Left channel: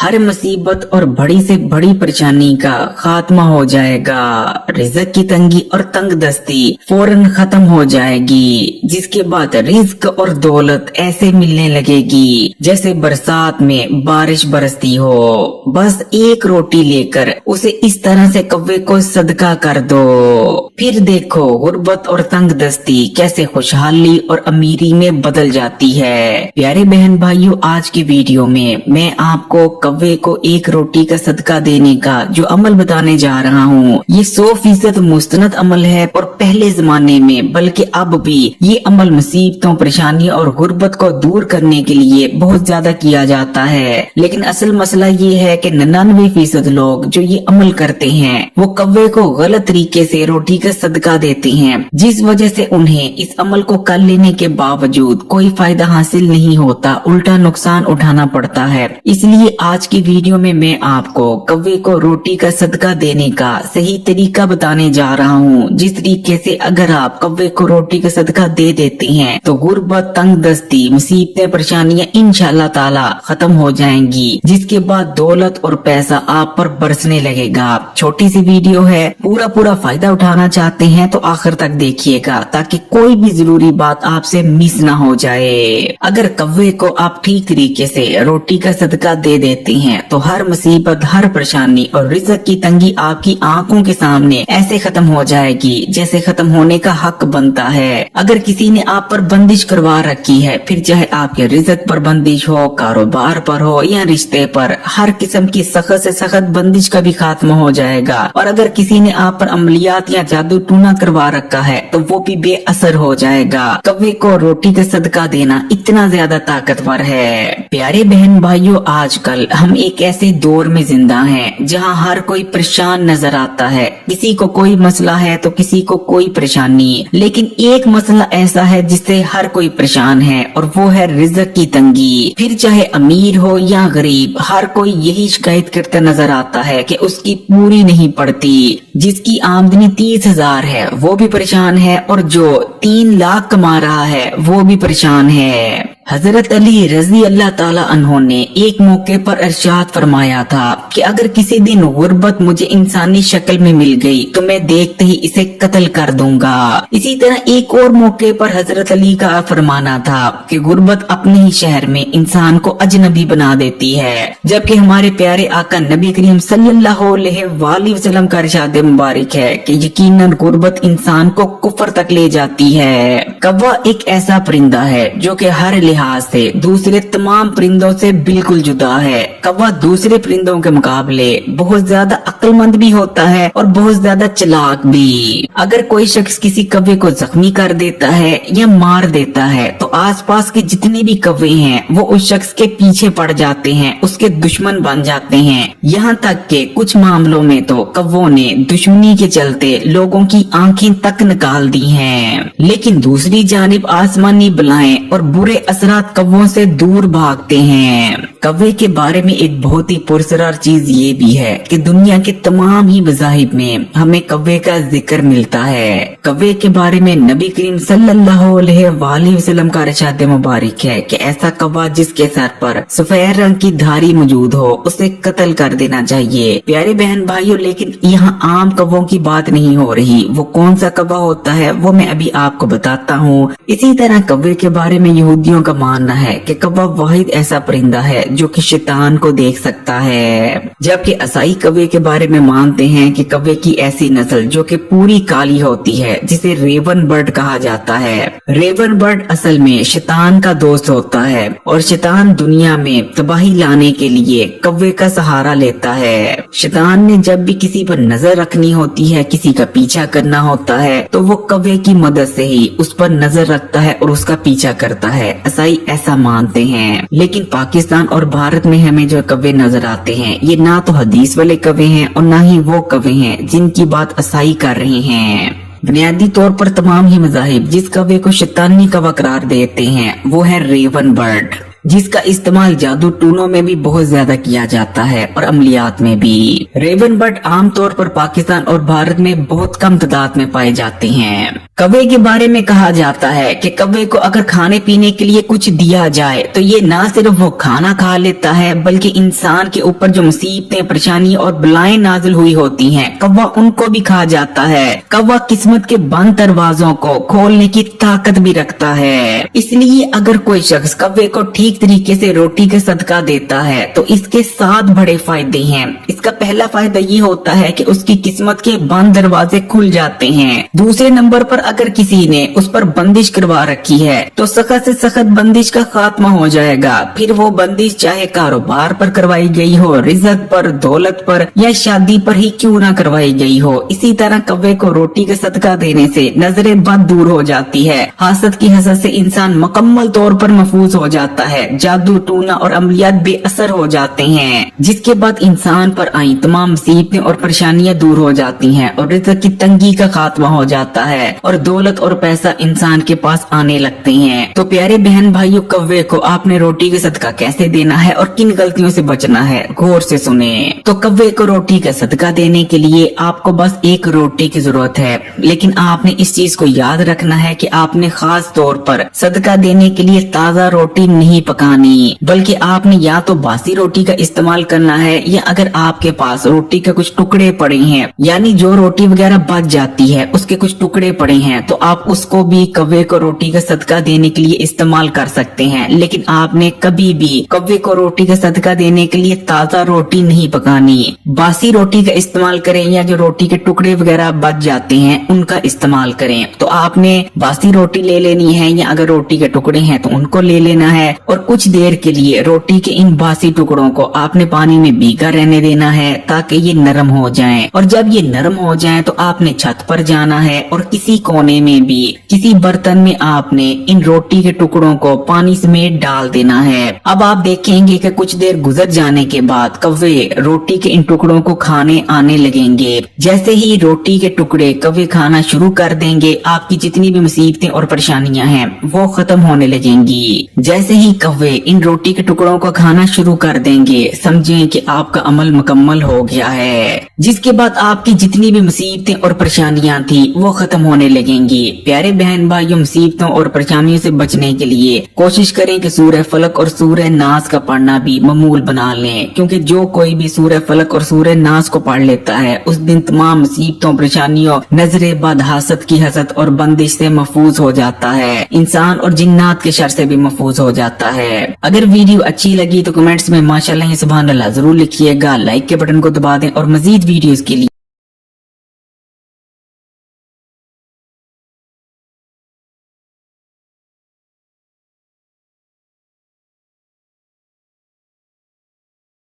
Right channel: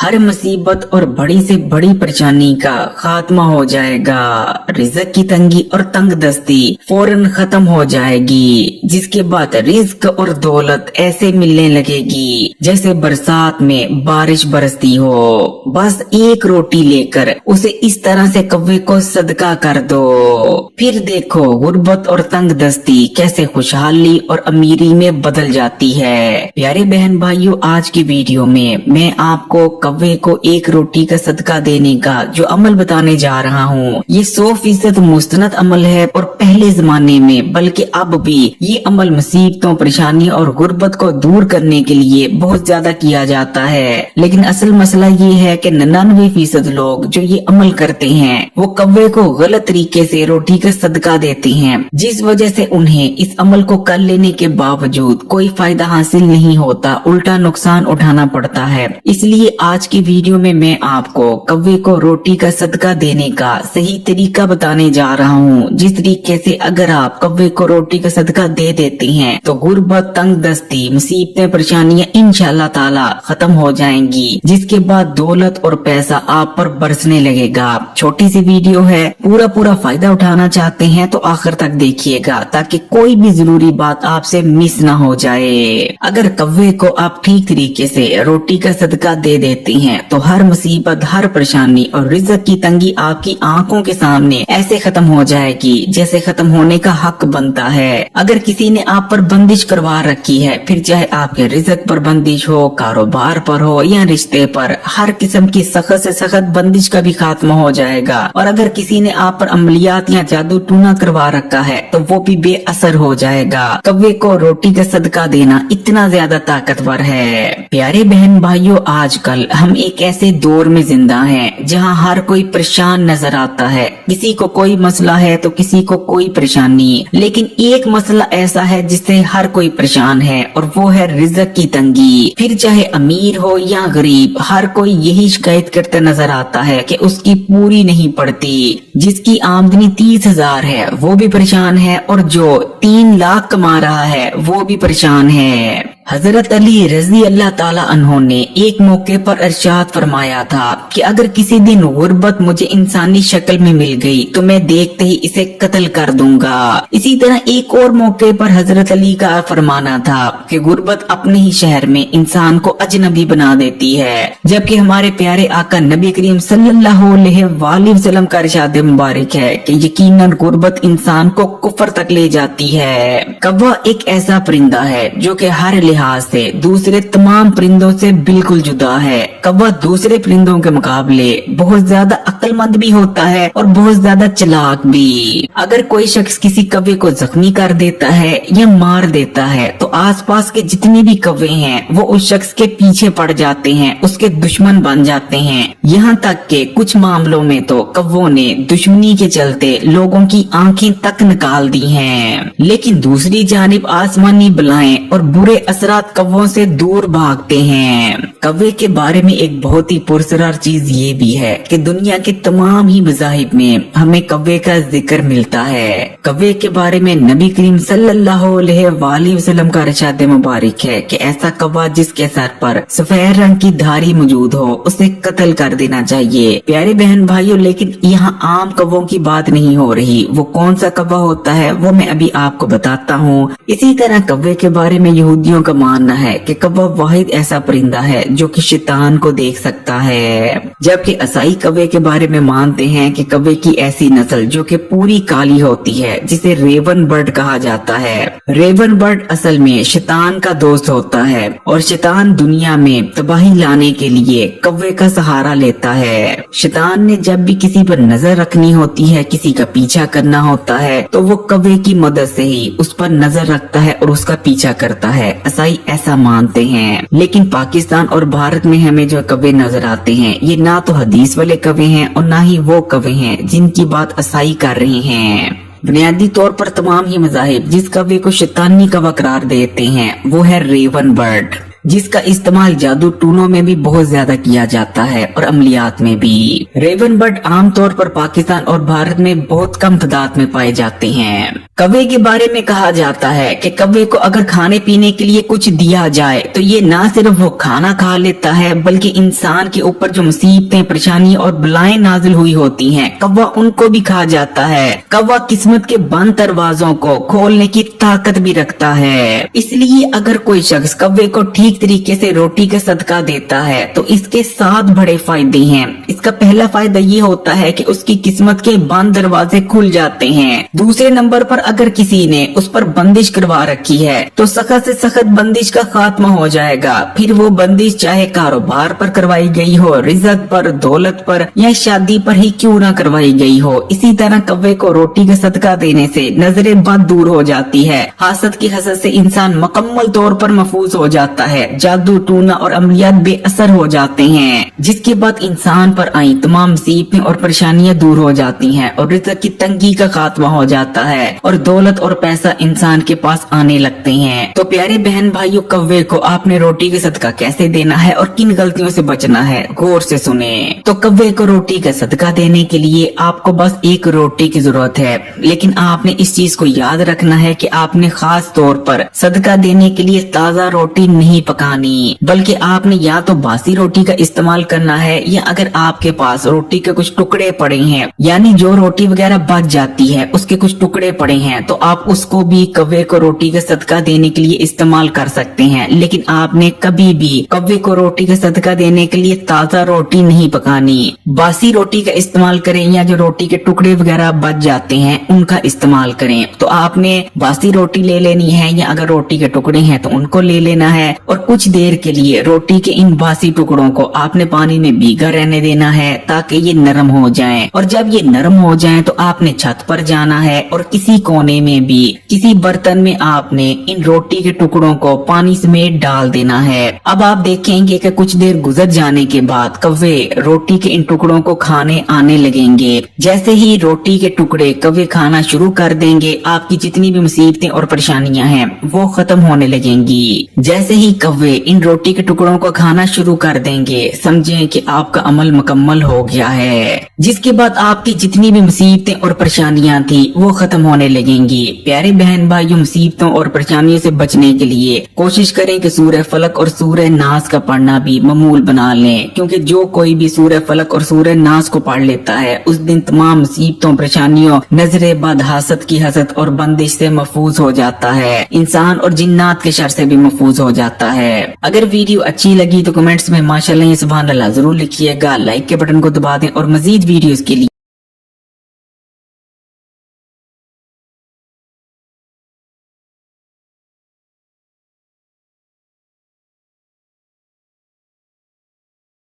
हर मुसीबत और बड़ी से बड़ी परेशानी का खात्मा हो जाएगा। रिज़्क की तंगी और तंग दस्ती फौरन खत्म हो जाएगी, जिसके बाद रिज़्क और दौलत ऐसे मिलने लगेगी जैसे बरसात में बारिश बरसती हो। बस एक रोटी लेकर उसे इस तरह से कौवे को सदका कर दो, फिर देखो गुर्बत और तंग दस्ती कैसे खुशहाली और अमीरी में बदल जाती है। प्यारे बहन भाइयों, आज की वीडियो में मैं आपको कौवे को एक रोटी का सदका देने का जो अमल बताने जा रहा हूँ, ये 100% मुस्तनद अमल है और पहले जमाने में बल्कि अब भी ये अमल मुसीबतों, परेशानी और गुर्बत को दूर करने के लिए बहुत ज्यादा किया जाता है। लेकिन असल मसला ये है कि 99% लोग जो ये अमल करते हैं वो कौवे को गलत तरीके से रोटी का सदका देते हैं, जिस वजह से उन्हें इस अमल को कर लेने के बावजूद कोई फायदा हासिल नहीं होता, उल्टा नुकसान उठाना पड़ता है। इसलिए आज की वीडियो में मैं आपको कौवे को रोटी का सदका देने का सही तरीका बताने जा रहा हूँ, जिस तरीके से अगर आप कौवे को रोटी का सदका दे देते हैं तो गुर्बत, तंग दस्ती, मुसीबतें, परेशानियां इंशाअल्लाह ताला खत्म हो जाएंगी, जिसके बाद दौलत और पैसा आप पर बरसने लगेगा। छोटी सी वीडियो है, पूरा फायदा उठाना चाहते हैं तो आखिर तक देखिएगा ताकि कोई भी जरूरी बात आपसे मिस ना हो जाए। अगर कौवे को आप ठीक तरीके से रोटी का सदका दे देते हैं तो हर मुसीबत, हर परेशानी और रिज़्क की तंगी आपकी आंखों के सामने ऐसे खत्म हो जाएगी जैसे खत्म होने का हक बनता है। अगर किसी ने आप पर बंदिश करवा रखी है, फिर चाहे आपके रिज़्क पर बंदिश हो, कारोबार पर हो या रिश्ते पर, हर किस्म की सख्त से सख्त बंदिश का भी खात्मा हो जाएगा। और अगर किसी ने आप पर अमलियात या जादू टूना करवा रखा है तो वो भी बेअसर हो जाएगा। कौवे को रोटी का सदका देना इतना ज्यादा ताकतवर है। प्यारे बहन भाइयों, आजकल हम एक ऐसे दौर में जिंदा हैं जहां हर कोई परेशान नजर आता है। किसी को कोई मसला है तो किसी को कोई परेशानी, लेकिन एक मसला ऐसा है जिससे हर कोई परेशान है और वो है रिज़्क की तंगी। फिर चाहे अमीर हो या गरीब, हर कोई यही शिकायत करता नजर आता है कि उसकी पूरी नहीं पड़ती। जिसकी आमदनी 30,000 है वो भी परेशान है और जो 3 लाख कमा रहा है वो भी परेशान है। हजरत अली रजी अल्लाह ताला अन्हो ने एक मौके पर इरशाद फरमाया था कि अगर किसी दिन गुर्बत मुझे इंसानी शक्ल में मिल गई तो मैं देखते ही इसे कत्ल कर दूंगा। इसी तरह एक और मौके पर हजरत अली का फरमाना था कि गुर्बत अपने ही शहर में इंसान को अजनबी बना देती है, जबकि हमारे प्यारे आका नबी करीम सल्लल्लाहु अलैहि वसल्लम का इरशाद मुबारक है कि यकीनन गुर्बत इंसान को कुफर तक ले जाती है। कौवा एक ऐसा परिंदा है जो कि हर लिहाज से दूसरे तमाम परिंदों से बिल्कुल जुदा है। कौवा दूसरे परिंदों के मुकाबले बहुत ज्यादा अक्लमंद भी होता है और बहुत ज्यादा चालाक भी। अगर कोई शख्स किसी कौवे को जख्मी कर देता है या मार देता है तो आसपास के जितने भी कौवे हैं वो उस शख्स के पीछे पड़ जाते हैं, उसके दुश्मन बन जाते हैं। यहाँ तक के कुछ मामलों में तो कौवों ने दुश्मनी के चलते लोगों की आंखें तक निकाल दी हैं। लेकिन दूसरी जानिब आसमानी बलाएं और बुरे असरात कौवों से दूर भागते हैं। कौवे के बारे में एक बहुत ही पुरसरार चीज ये भी है कि दुनिया के तमाम ही मज़ाहिब में हमें कौवे का जिक्र मिलता है। कौवे के बारे में नबी करीम सल्लल्लाहु अलैहि वसल्लम का इरशाद मुबारक है कि ऐसा कौवा जिसके सर पर सफेद रंग की धारी मौजूद हो उसे कत्ल कर देना चाहिए। प्यारे बहन भाइयों, लेकिन यहाँ आम कौवों की बात नहीं हो रही। वो कौन सा कौवा होता है वो मैं अभी आपको बताता हूँ। इसी तरह कौवे के बारे में यहूदियों का मानना है कि कौवा वाहिद ऐसा परिंदा है जो कि शैतान को देख सकता है, जबकि ईसाई कौवे के बारे में मानते हैं कि कौवे की ऐसी नस्ल जो कि पूरी काली होती है जिसे रेवन बर्ड कहा जाता है। रेवन बर्ड असल में शैतान का दोस्त होता है और शैतान दुनिया में तबाही लाने के लिए कौवे का सहारा लेता है। शैतान ने जब भी किसी पर नजर रखनी होती है, किसी का पीछा करना होता है तो वो कौवे की मदद से ही उस पर नजर रखता है और उसका पीछा करता है। ईसाई ऐसा मानते हैं। लेकिन पाकिस्तान और भारत में हमें जो कौवे नजर आते हैं ये ना तो हदीस वाले कौवे हैं और ना ही वो कौवे हैं जिनकी बात ईसाई कर रहे हैं। बुनियादी तौर पर तमाम ही मज़ाहिब जिस कौवे को शैतानी कौवा करार देते हैं वो है रेवन बर्ड। जिसका इस्तेमाल जादू टूनों में भी बहुत ज्यादा किया जाता है और अमलियात में भी। रेवन बर्ड आमतौर पर पाकिस्तान और भारत में बहुत कम तादाद में पाए जाते हैं। कौवे के बारे में कहा जाता है कि कौवे को अगर खाने पीने के लिए कुछ दिया जाए तो ये ना सिर्फ वो खाना खा लेता है बल्कि इंसान के ऊपर जो मुसीबतें, परेशानी और बलाएं नाजिल हुई होती हैं, कौवा उनको भी खा जाता है। कौवा किस्मत के बंद दरवाजों को खोलने की ताकत भी रखता है। इसलिए अगर कोई शख्स कौवे को ठीक तरीके से रोटी का सदका देता है तो इसके 7 बड़े फायदे हैं। इसका पहला फायदा ये होता है कि उसकी किस्मत के बंद दरवाजे खुल जाते हैं। दूसरे नंबर पर अगर किसी ने उस पर बंदिश करवा रखी है तो सख्त से सख्त बंदिश का खात्मा हो जाएगा। फिर वो बंदिश चाहे कारोबार पर करवाई गई हो, रिज़्क़ पर, दौलत पर या शादी पर ही क्यों ना करवाई गई हो। इसी तरह कौवे को रोटी का सदका देने से नजरे बद दूर हो जाती है। हसद की हसद से इंसान मुकम्मल तौर पर महफूज हो जाता है। जादू टूना और अमलियात बेअसर हो जाते हैं, जिसके बाद इंसान पर आई तमाम मुसीबतें और परेशानियां दूर हो जाती हैं और रिज़्क़ की तंगी का खात्मा हो जाता है और दौलत और पैसा इंसान के पास आने लगते हैं। तो प्यारे बहन भाइयों, कौवे को आपने रोटी का सदका कैसे देना है और किन गलतियों से बचना है, गौर से सुने। तो कौवे को रोटी का सदका देने के लिए आपको बस एक रोटी की जरूरत है, लेकिन आपने इस चीज को याद रखना है कि आपने खास तौर पर सदका देने के लिए ताज़ा रोटी नहीं पकानी, बल्कि आपने या तो बासी रोटी का इस्तेमाल करना है या अगर आपके पास रोटी के कुछ टुकड़े पड़े हैं, यानी जो रोटी वगैरह बच जाती है उसके कुछ टुकड़े पड़े हैं, तो आप उसको भी कौवे को रोटी का सदका देने के लिए इस्तेमाल कर सकते हैं। लेकिन आपने कभी भी कौवे को रोटी का सदका देने के लिए ताज़ा रोटी नहीं पकानी। बासी रोटी का इस्तेमाल करें या जो रोटी के टुकड़े वगैरह बच जाते हैं उनका इस्तेमाल करें। तो आपने बासी रोटी ले लेनी है या अगर रोटी के टुकड़े हैं तो उनको ले लेना है और कुछ देर के लिए रोटी के इन बासी टुकड़ों को आपने पानी में भीगा रहने देना है ताकि ये नरम हो जाएं। और जब ये नरम हो जाएं तो आपने छत पर जाना है और किसी कोने में भी किसी बर्तन में आपने इन रोटी के टुकड़ों को पानी समेत डाल देना है। अब आप देखेंगे कि कुछ देर गुजर जाने के बाद कौवे रोटी के इन टुकड़ों को खाने आने लगेंगे। जैसे ही रोटी के टुकड़े कौवे खाना शुरू कर देंगे, आपकी जितनी भी मुसीबतें और परेशानियां हैं वो खत्म होने लगेंगी। जैसे ही कौवे इन रोटी के टुकड़ों को खाना शुरू कर देंगे, समझें कि आपका अमल मुकम्मल हो गया है, जिसके बाद आपकी जितनी भी मुसीबतें और परेशानियां थी वो खत्म होने लगेंगी। प्यारे बहन भाइयों, मुसीबतों और परेशानियों से बचने के लिए कोशिश करें कि सूरह फलक और सूरह नास का पढ़ना भी मामूल बना लें, क्योंकि जो कोई भी सूरह फलक और सूरह नास को पढ़ लेता है उस दिन तमाम मुसीबतों, परेशानियों, नजरे बद, हसद की हसद और बंदिश से महफूज हो जाता है। इंसान और जिन्नात के शर से भी महफूज हो जाता है। अगर वीडियो अच्छी लगी तो कमेंट्स में माशाअल्लाह या सुभान अल्लाह जरूर लिखिएगा। लाइक के बटन को दबा दें और मजीद वीडियोस के लिए